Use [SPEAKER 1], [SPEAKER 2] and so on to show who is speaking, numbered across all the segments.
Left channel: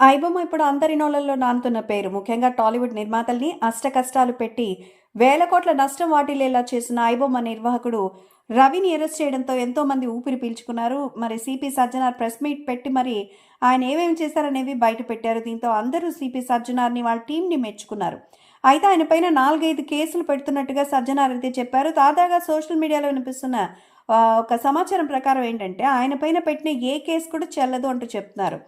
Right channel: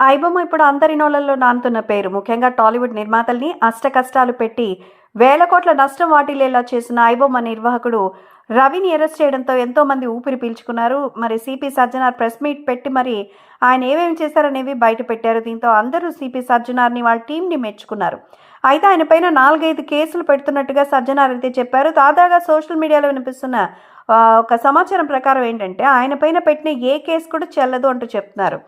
[SPEAKER 1] ఐబొమ్మ ఇప్పుడు అందరి నోళ్ళలో నానుతున్న పేరు. ముఖ్యంగా టాలీవుడ్ నిర్మాతల్ని అష్ట కష్టాలు పెట్టి వేల కోట్ల నష్టం వాటిల్లేలా చేసిన ఐబొమ్మ నిర్వాహకుడు రవిని అరెస్ట్ చేయడంతో ఎంతో మంది ఊపిరి పీల్చుకున్నారు. మరి సిపి సజ్జనార్ ప్రెస్ మీట్ పెట్టి మరి ఆయన ఏమేమి చేశారనేవి బయట పెట్టారు. దీంతో అందరూ సిపి సజ్జనార్ని వాళ్ళ టీంని మెచ్చుకున్నారు. అయితే ఆయన పైన నాలుగైదు కేసులు పెడుతున్నట్టుగా సజ్జనార్ అయితే చెప్పారు. తాజాగా సోషల్ మీడియాలో వినిపిస్తున్న ఒక సమాచారం ప్రకారం ఏంటంటే ఆయన పైన పెట్టిన ఏ కేసు కూడా చెల్లదు అంటూ చెప్తున్నారు.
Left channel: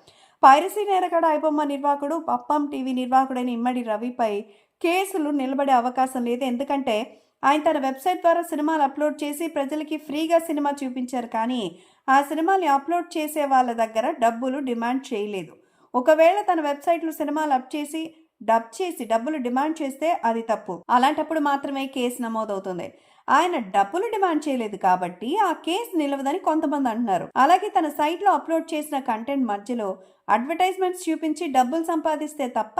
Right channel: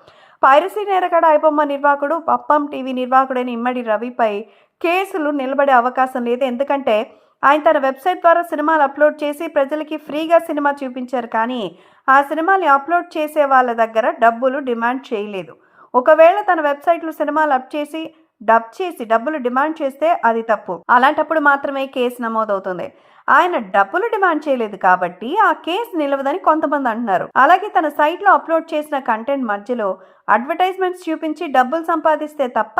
[SPEAKER 1] పైరసీ నేరగాడ ఐబొమ్మ నిర్వాహకుడు పప్పం టీవీ నిర్వాహకుడైన ఇమ్మడి రవిపై కేసులు నిలబడే అవకాశం లేదు. ఎందుకంటే ఆయన తన వెబ్సైట్ ద్వారా సినిమాలు అప్లోడ్ చేసి ప్రజలకి ఫ్రీగా సినిమా చూపించారు. కానీ ఆ సినిమాని అప్లోడ్ చేసే వాళ్ళ దగ్గర డబ్బులు డిమాండ్ చేయలేదు. ఒకవేళ తన వెబ్సైట్లో సినిమాలు అప్ చేసి డబ్ చేసి డబ్బులు డిమాండ్ చేస్తే అది తప్పు. అలాంటప్పుడు మాత్రమే కేసు నమోదవుతుంది. ఆయన డబ్బులు డిమాండ్ చేయలేదు కాబట్టి ఆ కేసు నిలవదని కొంతమంది అంటున్నారు. అలాగే తన సైట్లో అప్లోడ్ చేసిన కంటెంట్ మధ్యలో అడ్వర్టైజ్మెంట్స్ చూపించి డబ్బులు సంపాదిస్తే తప్ప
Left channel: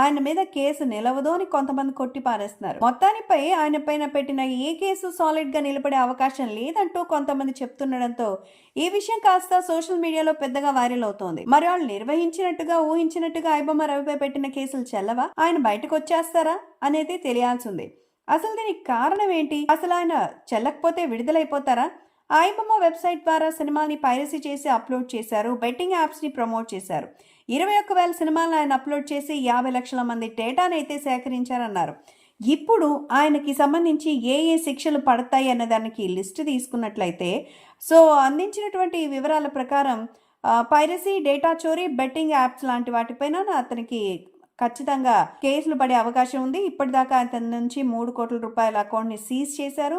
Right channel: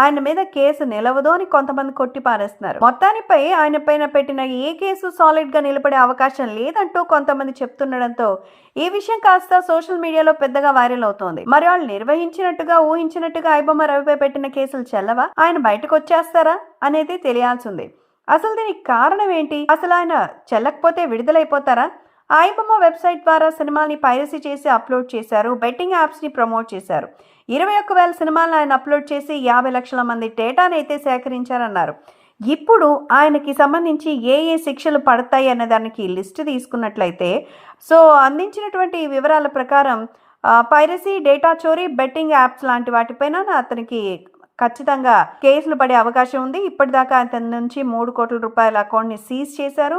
[SPEAKER 1] ఆయన మీద కేసు నిలవదు అని కొంతమంది కొట్టి పారేస్తున్నారు మొత్తానిపై ఆయన పైన పెట్టిన ఏ కేసు సాలిడ్గా నిలబడే అవకాశం లేదంటూ కొంతమంది చెప్తుండడంతో ఈ విషయం కాస్త సోషల్ మీడియాలో పెద్దగా వైరల్ అవుతోంది. మరి వాళ్ళు నిర్వహించినట్టుగా ఊహించినట్టుగా ఐబొమ్మ రవిపై పెట్టిన కేసులు చెల్లవా? ఆయన బయటకు వచ్చేస్తారా అనేది తెలియాల్సింది అసలు దీనికి కారణం ఏంటి? అసలు ఆయన చెల్లకపోతే విడుదలైపోతారా? ఐబొమ్మ వెబ్సైట్ ద్వారా సినిమాని పైరసీ చేసి అప్లోడ్ చేశారు బెట్టింగ్ యాప్స్ని ప్రమోట్ చేశారు. ఇరవై ఒక్క వేల సినిమాలను ఆయన అప్లోడ్ చేసి యాభై లక్షల మంది డేటాను అయితే సేకరించారన్నారు. ఇప్పుడు ఆయనకి సంబంధించి ఏ ఏ శిక్షలు పడతాయి అనే దానికి లిస్ట్ తీసుకున్నట్లయితే సో అందించినటువంటి వివరాల ప్రకారం పైరసీ డేటా చోరీ బెట్టింగ్ యాప్స్ లాంటి వాటిపైన అతనికి ఖచ్చితంగా కేసులు పడే అవకాశం ఉంది. ఇప్పటిదాకా అతని నుంచి మూడు కోట్ల రూపాయల అకౌంట్ని సీజ్ చేశారు.